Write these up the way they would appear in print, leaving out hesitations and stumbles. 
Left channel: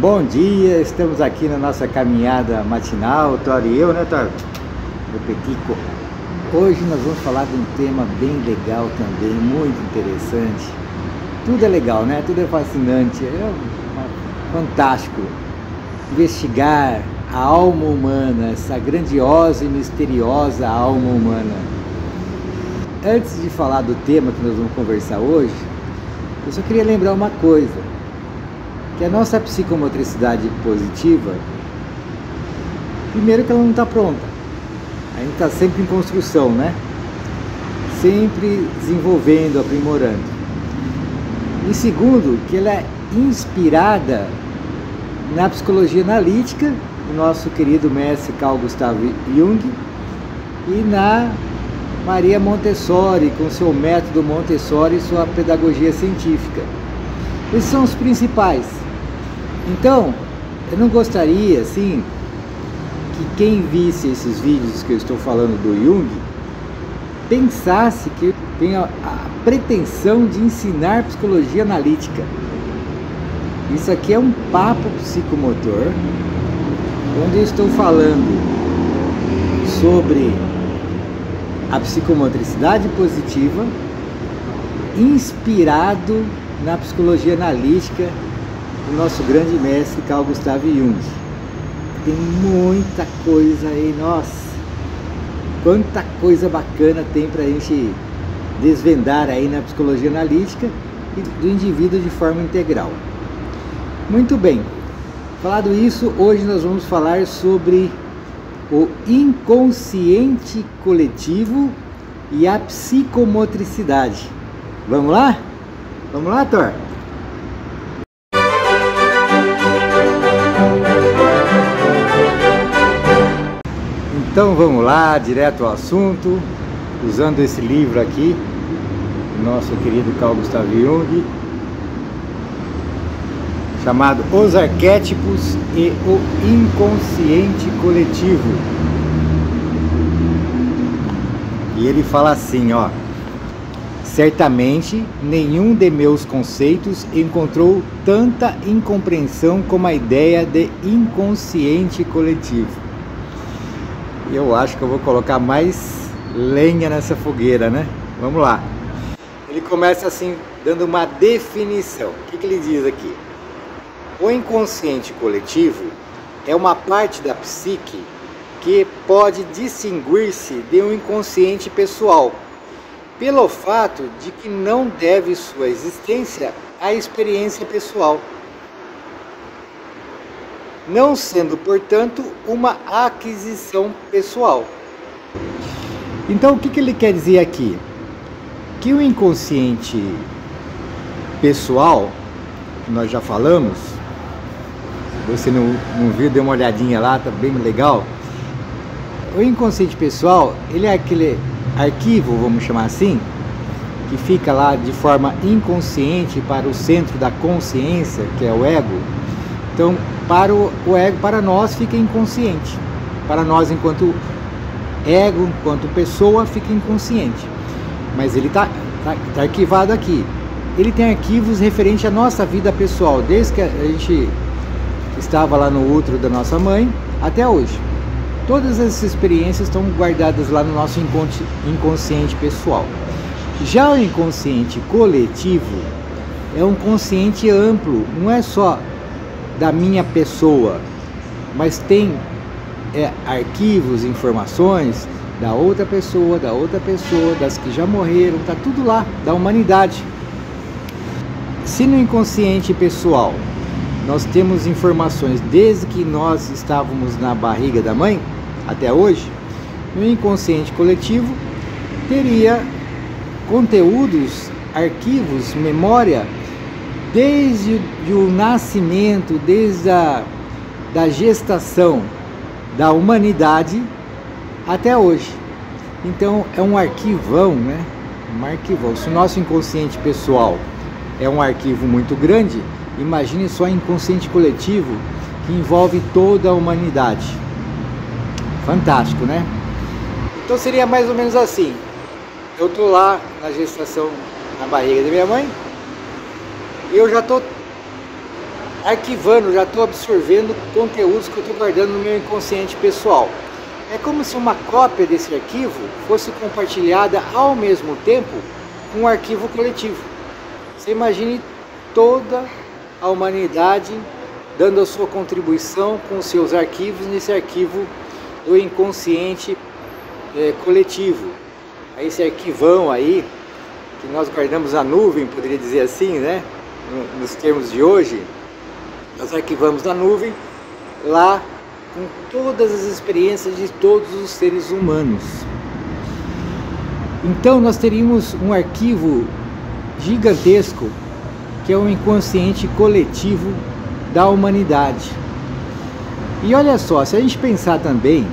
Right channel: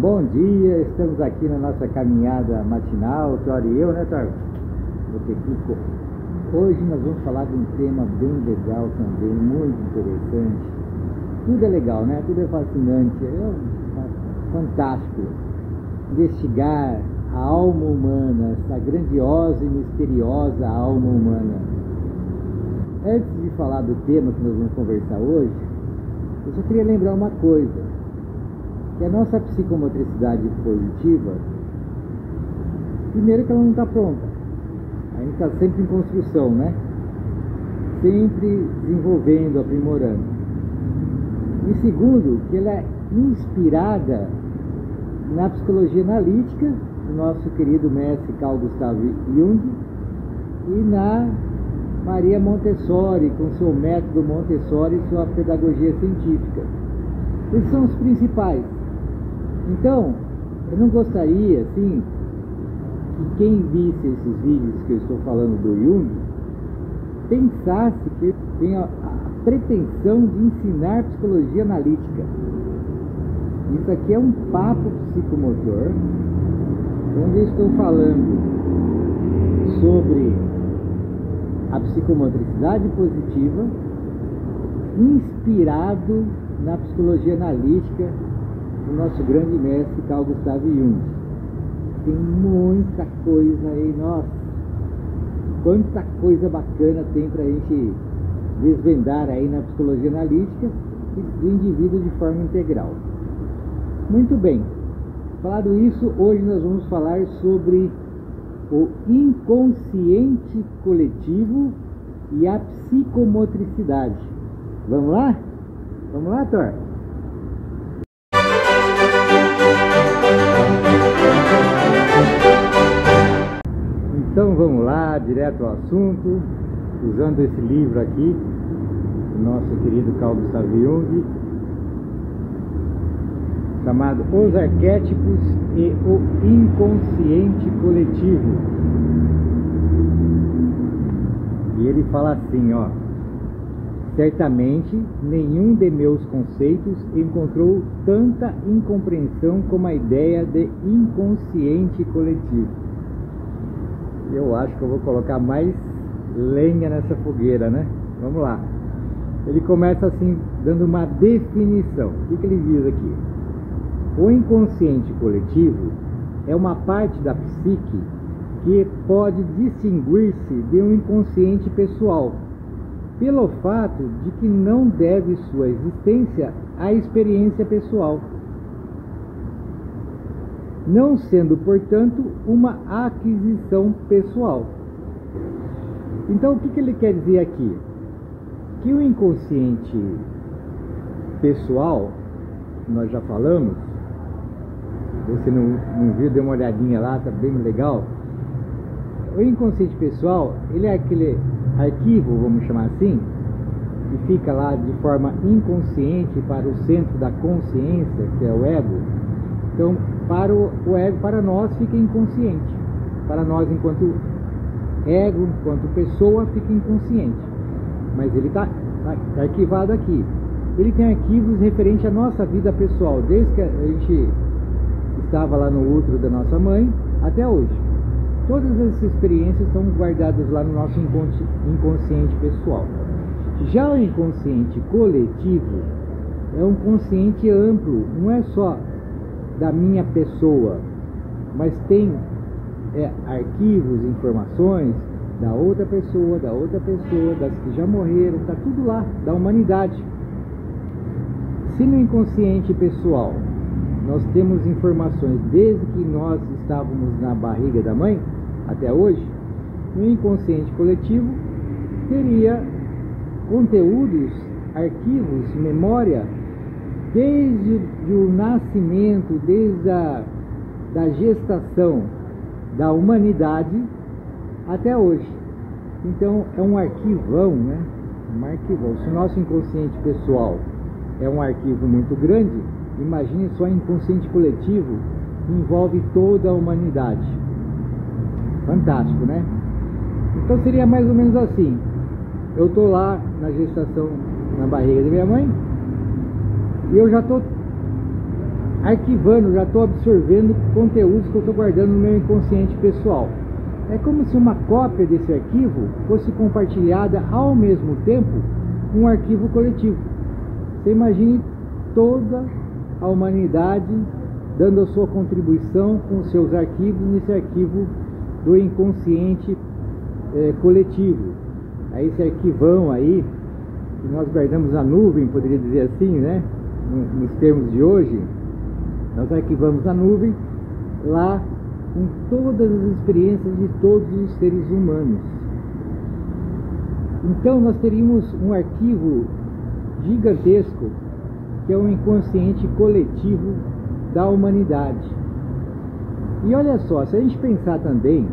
Bom dia, estamos aqui na nossa caminhada matinal, Thor e eu, né, Thor? Do Petico. Hoje nós vamos falar de um tema bem legal também, muito interessante. Tudo é legal, né? Tudo é fascinante, fantástico. Investigar a alma humana, essa grandiosa e misteriosa alma humana. Antes de falar do tema que nós vamos conversar hoje, eu só queria lembrar uma coisa. Que a nossa psicomotricidade positiva, primeiro que ela não está pronta, a gente está sempre em construção, né? Sempre desenvolvendo, aprimorando. E segundo, que ela é inspirada na psicologia analítica, do nosso querido mestre Carl Gustav Jung, e na Maria Montessori, com seu método Montessori e sua pedagogia científica. Esses são os principais. Então, eu não gostaria, assim, que quem visse esses vídeos que eu estou falando do Jung, pensasse que eu tenho a pretensão de ensinar psicologia analítica. Isso aqui é um papo psicomotor, onde eu estou falando sobre a psicomotricidade positiva, inspirado na psicologia analítica do nosso grande mestre Carl Gustav Jung. Tem muita coisa aí, nossa, quanta coisa bacana tem pra gente desvendar aí na psicologia analítica e do indivíduo de forma integral. Muito bem, falado isso, hoje nós vamos falar sobre o inconsciente coletivo e a psicomotricidade. Vamos lá? Vamos lá, Thor? Então vamos lá, direto ao assunto, usando esse livro aqui, do nosso querido Carl Gustav Jung, chamado Os Arquétipos e o Inconsciente Coletivo. E ele fala assim, ó: certamente nenhum de meus conceitos encontrou tanta incompreensão como a ideia de inconsciente coletivo. Eu acho que eu vou colocar mais lenha nessa fogueira, né? Vamos lá. Ele começa assim, dando uma definição. O que ele diz aqui? O inconsciente coletivo é uma parte da psique que pode distinguir-se de um inconsciente pessoal, pelo fato de que não deve sua existência à experiência pessoal, não sendo, portanto, uma aquisição pessoal. Então, o que ele quer dizer aqui? Que o inconsciente pessoal, que nós já falamos, se você não viu, dê uma olhadinha lá, tá bem legal. O inconsciente pessoal, ele é aquele arquivo, vamos chamar assim, que fica lá de forma inconsciente para o centro da consciência, que é o ego. Então, para o ego, para nós, fica inconsciente. Para nós, enquanto ego, enquanto pessoa, fica inconsciente. Mas ele está arquivado aqui. Ele tem arquivos referentes à nossa vida pessoal, desde que a gente estava lá no útero da nossa mãe até hoje. Todas essas experiências estão guardadas lá no nosso inconsciente pessoal. Já o inconsciente coletivo é um consciente amplo, não é só da minha pessoa, mas tem arquivos, informações da outra pessoa, das que já morreram, tá tudo lá, da humanidade. Se no inconsciente pessoal nós temos informações desde que nós estávamos na barriga da mãe até hoje, no inconsciente coletivo teria conteúdos, arquivos, memória desde o nascimento, desde a gestação da humanidade até hoje. Então é um arquivão, né? Um arquivão. Se o nosso inconsciente pessoal é um arquivo muito grande, imagine só o inconsciente coletivo, que envolve toda a humanidade. Fantástico, né? Então seria mais ou menos assim: eu tô lá na gestação, na barriga da minha mãe, e eu já tô arquivando, já estou absorvendo conteúdos que eu estou guardando no meu inconsciente pessoal. É como se uma cópia desse arquivo fosse compartilhada ao mesmo tempo com um arquivo coletivo. Você imagine toda a humanidade dando a sua contribuição com os seus arquivos nesse arquivo do inconsciente coletivo. Aí esse arquivão aí, que nós guardamos na nuvem, poderia dizer assim, né? Nos termos de hoje, nós arquivamos na nuvem lá com todas as experiências de todos os seres humanos. Então nós teríamos um arquivo gigantesco que é o inconsciente coletivo da humanidade. E olha só, se a gente pensar também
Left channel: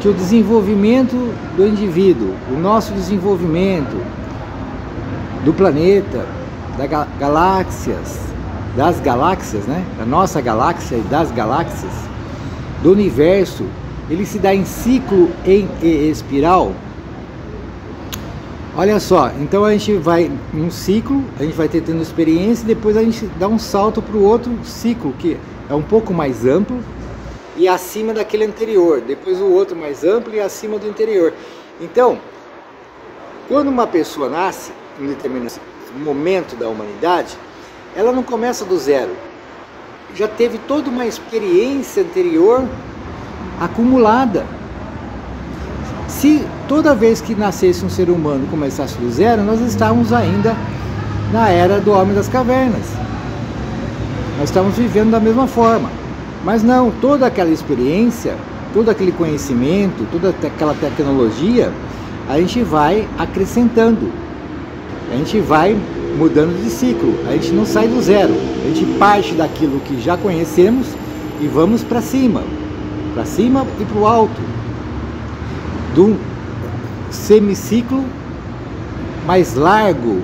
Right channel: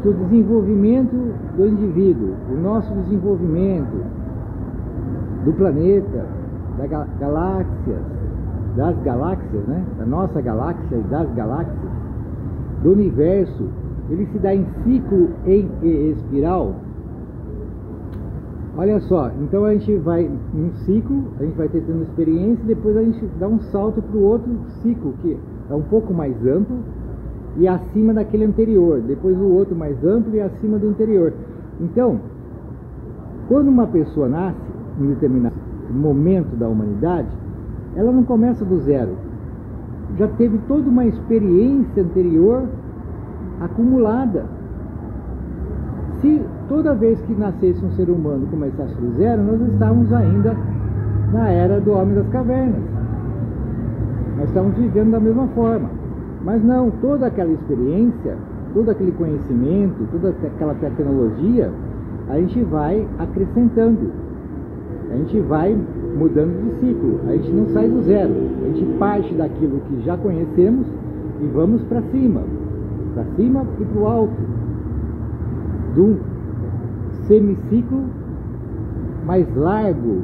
que o desenvolvimento do indivíduo, o nosso desenvolvimento do planeta, das galáxias, né? Da nossa galáxia e das galáxias, do universo, ele se dá em ciclo em espiral. Olha só, então a gente vai em um ciclo, a gente vai tendo experiência e depois a gente dá um salto para o outro ciclo, que é um pouco mais amplo e acima daquele anterior, depois o outro mais amplo e acima do anterior. Então, quando uma pessoa nasce em determinado momento da humanidade, ela não começa do zero, já teve toda uma experiência anterior acumulada. Se toda vez que nascesse um ser humano começasse do zero, nós estávamos ainda na era do homem das cavernas, nós estamos vivendo da mesma forma. Mas não, toda aquela experiência, todo aquele conhecimento, toda aquela tecnologia, a gente vai acrescentando, a gente vai mudando de ciclo, a gente não sai do zero, a gente parte daquilo que já conhecemos e vamos para cima e para o alto, do semiciclo mais largo.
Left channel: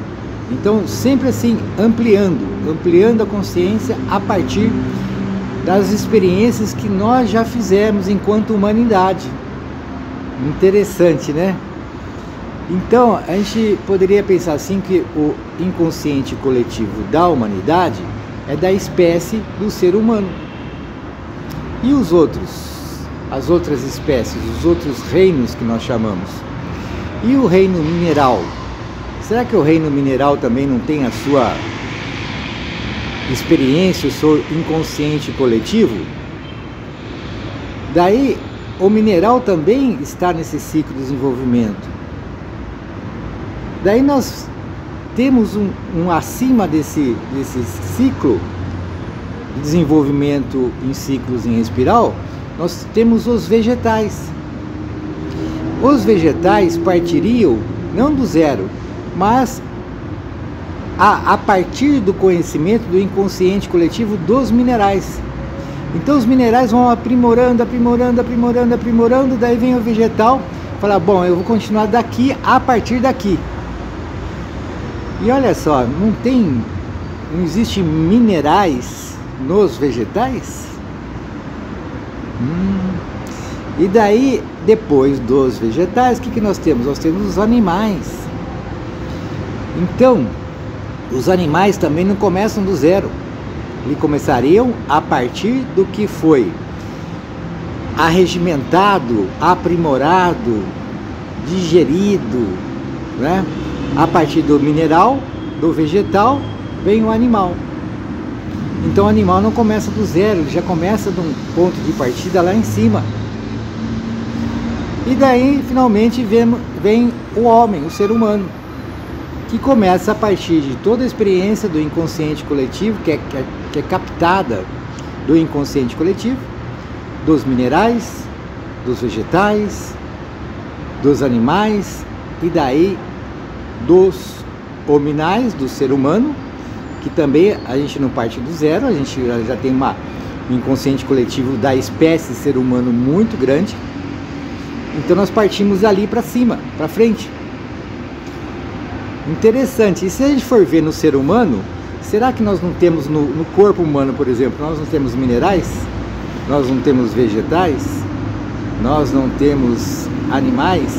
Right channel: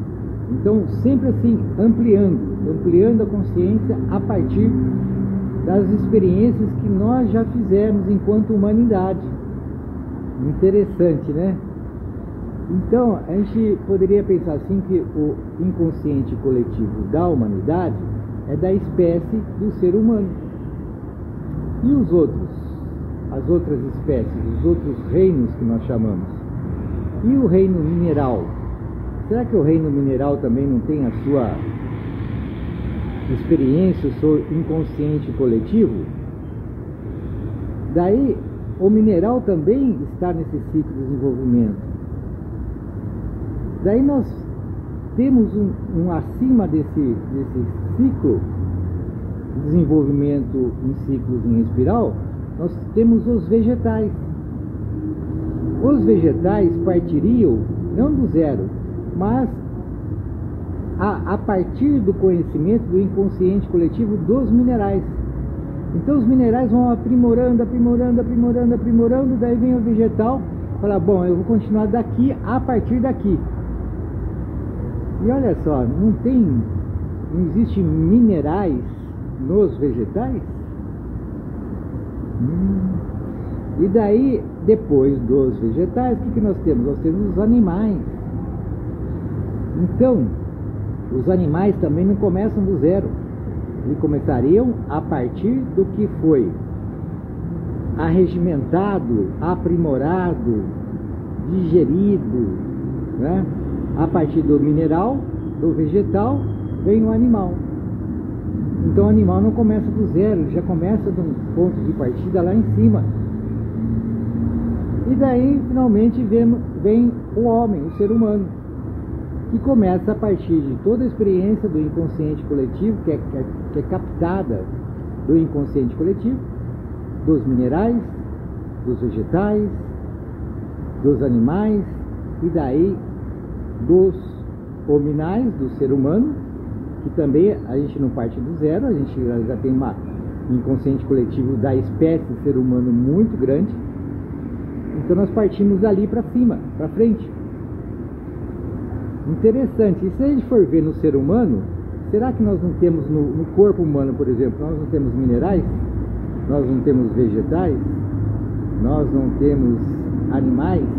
Então sempre assim, ampliando a consciência a partir das experiências que nós já fizemos enquanto humanidade. Interessante, né? Então a gente poderia pensar assim que o inconsciente coletivo da humanidade é da espécie do ser humano. E os outros? As outras espécies, os outros reinos que nós chamamos. E o reino mineral? Será que o reino mineral também não tem a sua experiência, o seu inconsciente coletivo? Daí, o mineral também está nesse ciclo de desenvolvimento. Daí nós temos um acima desse ciclo de desenvolvimento em ciclos em espiral. Nós temos os vegetais. Os vegetais partiriam não do zero, mas a partir do conhecimento do inconsciente coletivo dos minerais. Então os minerais vão aprimorando, daí vem o vegetal, fala, bom, eu vou continuar daqui a partir daqui. E olha só, não existe minerais nos vegetais? E daí, depois dos vegetais, o que nós temos? Nós temos os animais. Então, os animais também não começam do zero. Eles começariam a partir do que foi arregimentado, aprimorado, digerido, né? A partir do mineral, do vegetal, vem o animal. Então o animal não começa do zero, ele já começa de um ponto de partida lá em cima. E daí, finalmente, vem o homem, o ser humano, que começa a partir de toda a experiência do inconsciente coletivo, que é captada do inconsciente coletivo, dos minerais, dos vegetais, dos animais, e daí dos hominais, do ser humano, que também a gente não parte do zero, a gente já tem um inconsciente coletivo da espécie ser humano muito grande. Então nós partimos dali para cima, para frente. Interessante. E se a gente for ver no ser humano, será que nós não temos no corpo humano, por exemplo, nós não temos minerais? Nós não temos vegetais? Nós não temos animais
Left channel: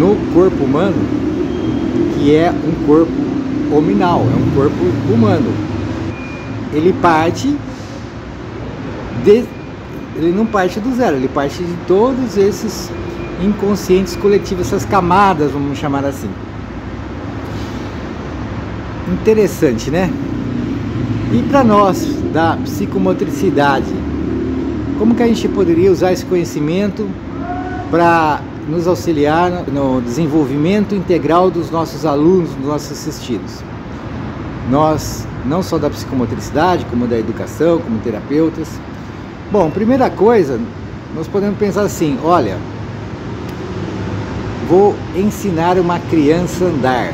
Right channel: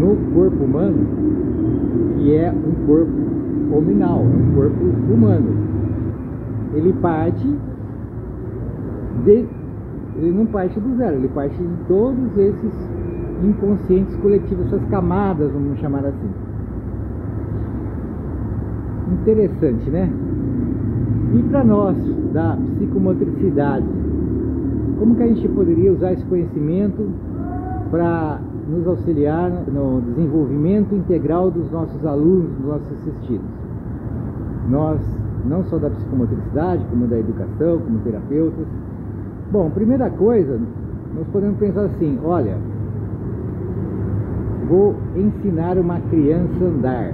no corpo humano, que é um corpo hominal, é um corpo humano. ele não parte do zero, ele parte de todos esses inconscientes coletivos, essas camadas, vamos chamar assim. Interessante, né? E para nós da psicomotricidade, como que a gente poderia usar esse conhecimento para nos auxiliar no desenvolvimento integral dos nossos alunos, dos nossos assistidos? Nós, não só da psicomotricidade, como da educação, como terapeutas. Bom, primeira coisa, nós podemos pensar assim, olha, vou ensinar uma criança a andar.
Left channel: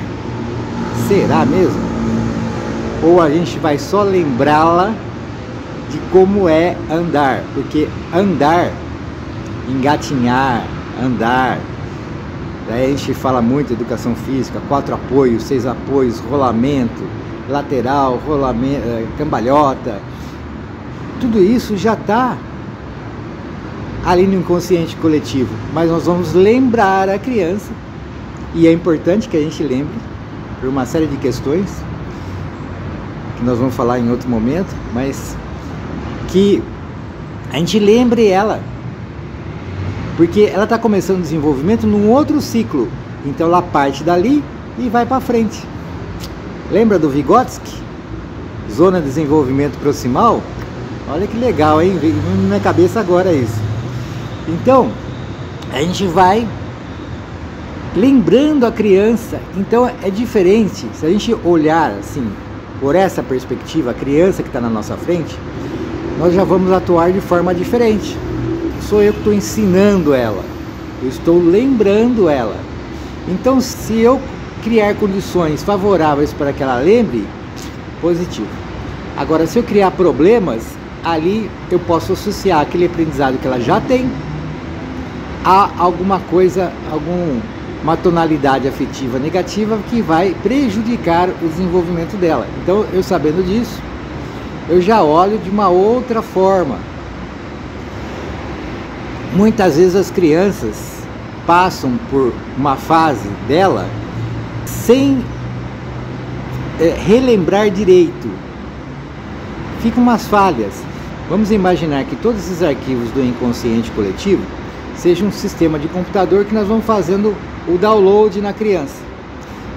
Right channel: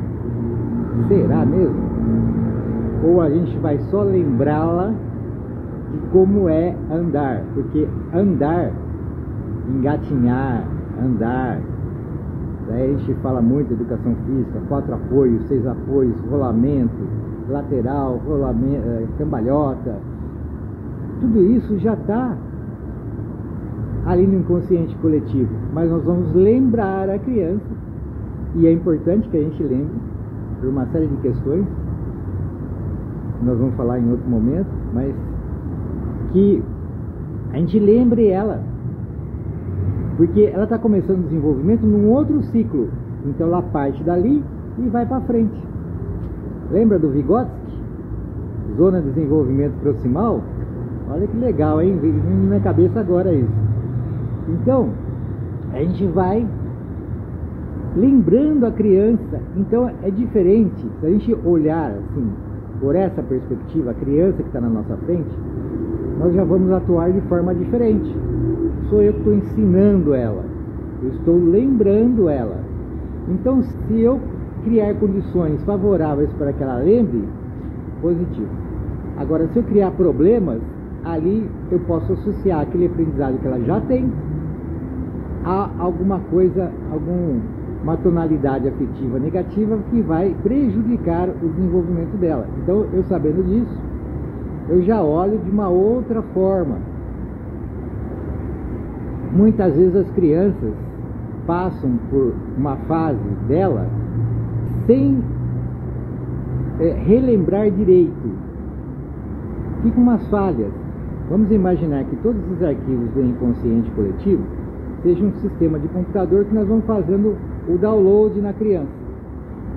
Será mesmo? Ou a gente vai só lembrá-la de como é andar? Porque andar, engatinhar, andar, daí a gente fala muito de educação física, 4 apoios, 6 apoios, rolamento, lateral, rolamento, cambalhota, tudo isso já está ali no inconsciente coletivo, mas nós vamos lembrar a criança, e é importante que a gente lembre por uma série de questões que nós vamos falar em outro momento, mas que a gente lembre ela, porque ela está começando o desenvolvimento num outro ciclo, então ela parte dali e vai para frente. Lembra do Vygotsky? Zona de desenvolvimento proximal? Olha que legal, hein? Veio na minha cabeça agora isso. Então, a gente vai lembrando a criança. Então é diferente, se a gente olhar assim, por essa perspectiva, a criança que está na nossa frente, nós já vamos atuar de forma diferente. Sou eu que estou ensinando ela, eu estou lembrando ela. Então, se eu criar condições favoráveis para que ela lembre, positivo. Agora, se eu criar problemas, ali eu posso associar aquele aprendizado que ela já tem a alguma coisa, uma tonalidade afetiva negativa que vai prejudicar o desenvolvimento dela. Então, eu sabendo disso, eu já olho de uma outra forma. Muitas vezes as crianças passam por uma fase dela sem relembrar direito. Ficam umas falhas. Vamos imaginar que todos esses arquivos do inconsciente coletivo sejam um sistema de computador que nós vamos fazendo o download na criança.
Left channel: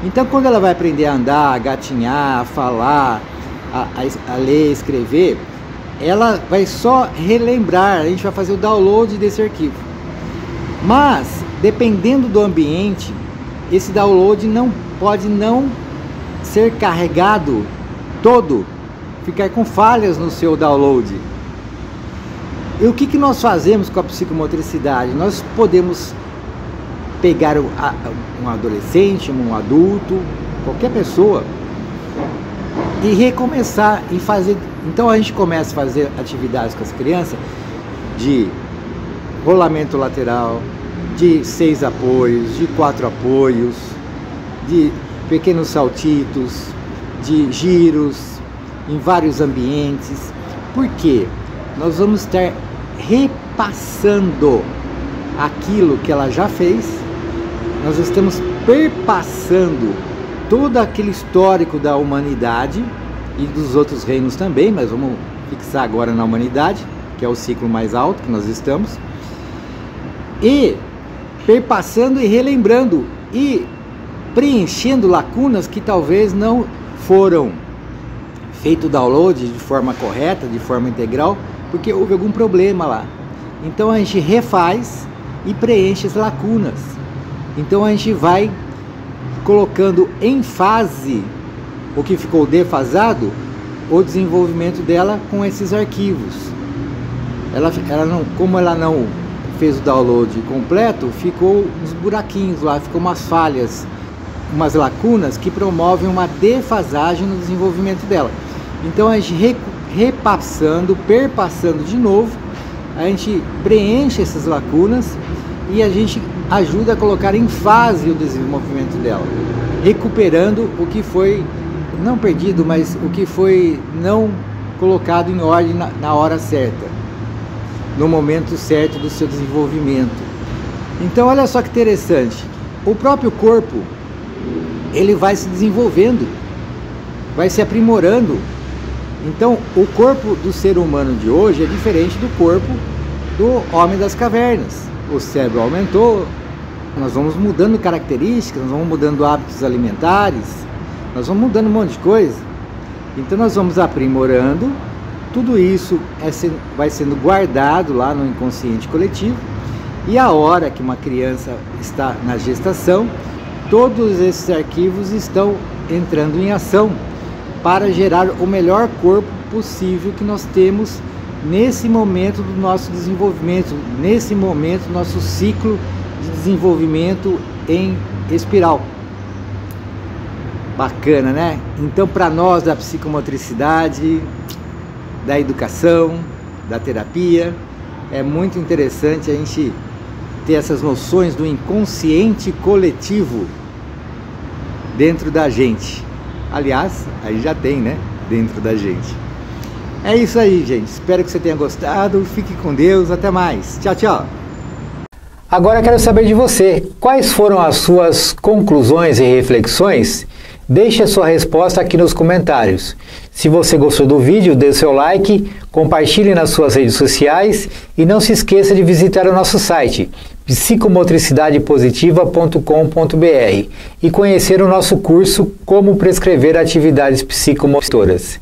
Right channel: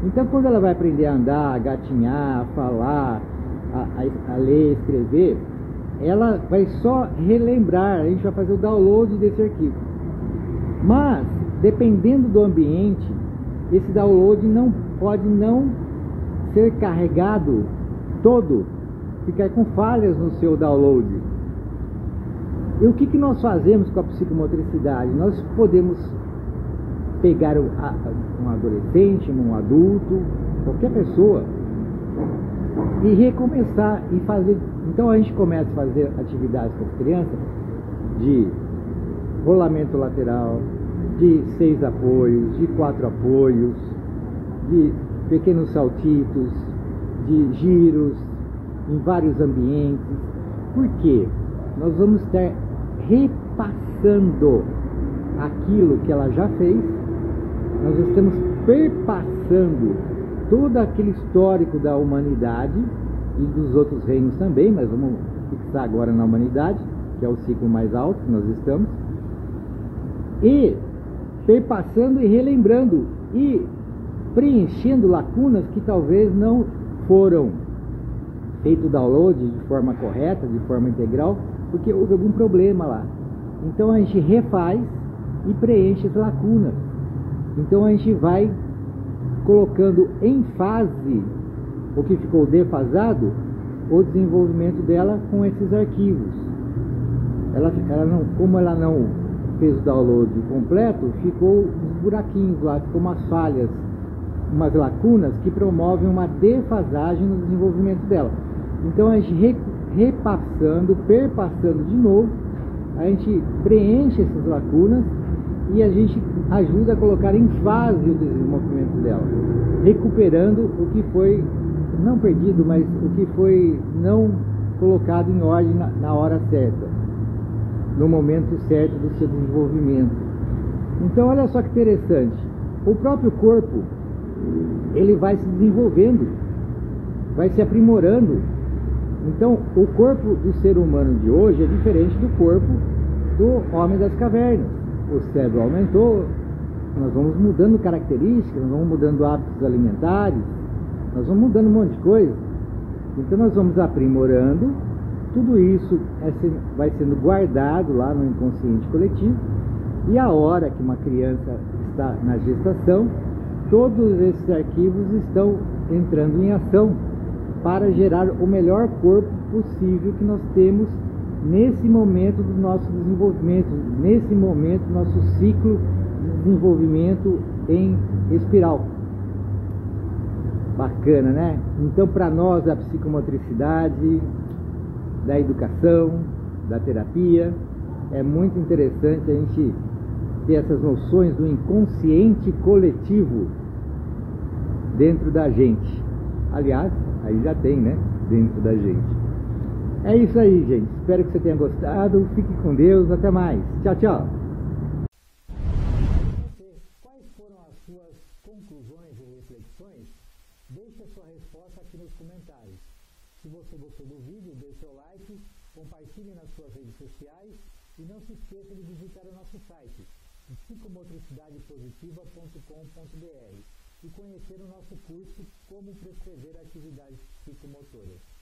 Então, quando ela vai aprender a andar, a gatinhar, a falar, a ler, escrever, ela vai só relembrar, a gente vai fazer o download desse arquivo. Mas, dependendo do ambiente, esse download não pode não ser carregado todo, ficar com falhas no seu download. E o que nós fazemos com a psicomotricidade? Nós podemos pegar um adolescente, um adulto, qualquer pessoa, e recomeçar e fazer. Então a gente começa a fazer atividades com as crianças de rolamento lateral, de 6 apoios, de 4 apoios, de pequenos saltitos, de giros em vários ambientes. Por quê? Nós vamos estar repassando aquilo que ela já fez, nós estamos perpassando todo aquele histórico da humanidade e dos outros reinos também, mas vamos fixar agora na humanidade, que é o ciclo mais alto que nós estamos, e perpassando e relembrando e preenchendo lacunas que talvez não foram feito o download de forma correta, de forma integral, porque houve algum problema lá. Então a gente refaz e preenche as lacunas. Então a gente vai colocando em fase o que ficou defasado, o desenvolvimento dela com esses arquivos. Como ela não fez o download completo, ficou uns buraquinhos lá, ficou umas falhas, umas lacunas que promovem uma defasagem no desenvolvimento dela. Então a gente repassando, perpassando de novo, a gente preenche essas lacunas e a gente ajuda a colocar em fase o desenvolvimento dela, recuperando o que foi não perdido, mas o que foi não colocado em ordem na hora certa, no momento certo do seu desenvolvimento. Então olha só que interessante, o próprio corpo ele vai se desenvolvendo, vai se aprimorando Então, o corpo do ser humano de hoje é diferente do corpo do homem das cavernas. O cérebro aumentou, nós vamos mudando características, nós vamos mudando hábitos alimentares, nós vamos mudando um monte de coisa. Então nós vamos aprimorando, tudo isso vai sendo guardado lá no inconsciente coletivo, e a hora que uma criança está na gestação, todos esses arquivos estão entrando em ação para gerar o melhor corpo possível que nós temos nesse momento do nosso desenvolvimento, nesse momento do nosso ciclo de desenvolvimento em espiral. Bacana, né? Então, para nós da psicomotricidade, da educação, da terapia, é muito interessante a gente ter essas noções do inconsciente coletivo dentro da gente. Aliás, aí já tem, né? Dentro da gente. É isso aí, gente. Espero que você tenha gostado. Fique com Deus. Até mais. Tchau, tchau. Agora quero saber de você. Quais foram as suas conclusões e reflexões? Deixe a sua resposta aqui nos comentários. Se você gostou do vídeo, dê seu like, compartilhe nas suas redes sociais e não se esqueça de visitar o nosso site psicomotricidadepositiva.com.br e conhecer o nosso curso Como Prescrever Atividades Psicomotoras.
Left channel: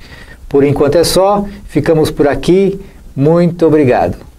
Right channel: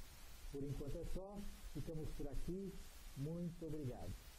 Por enquanto é só, ficamos por aqui. Muito obrigado.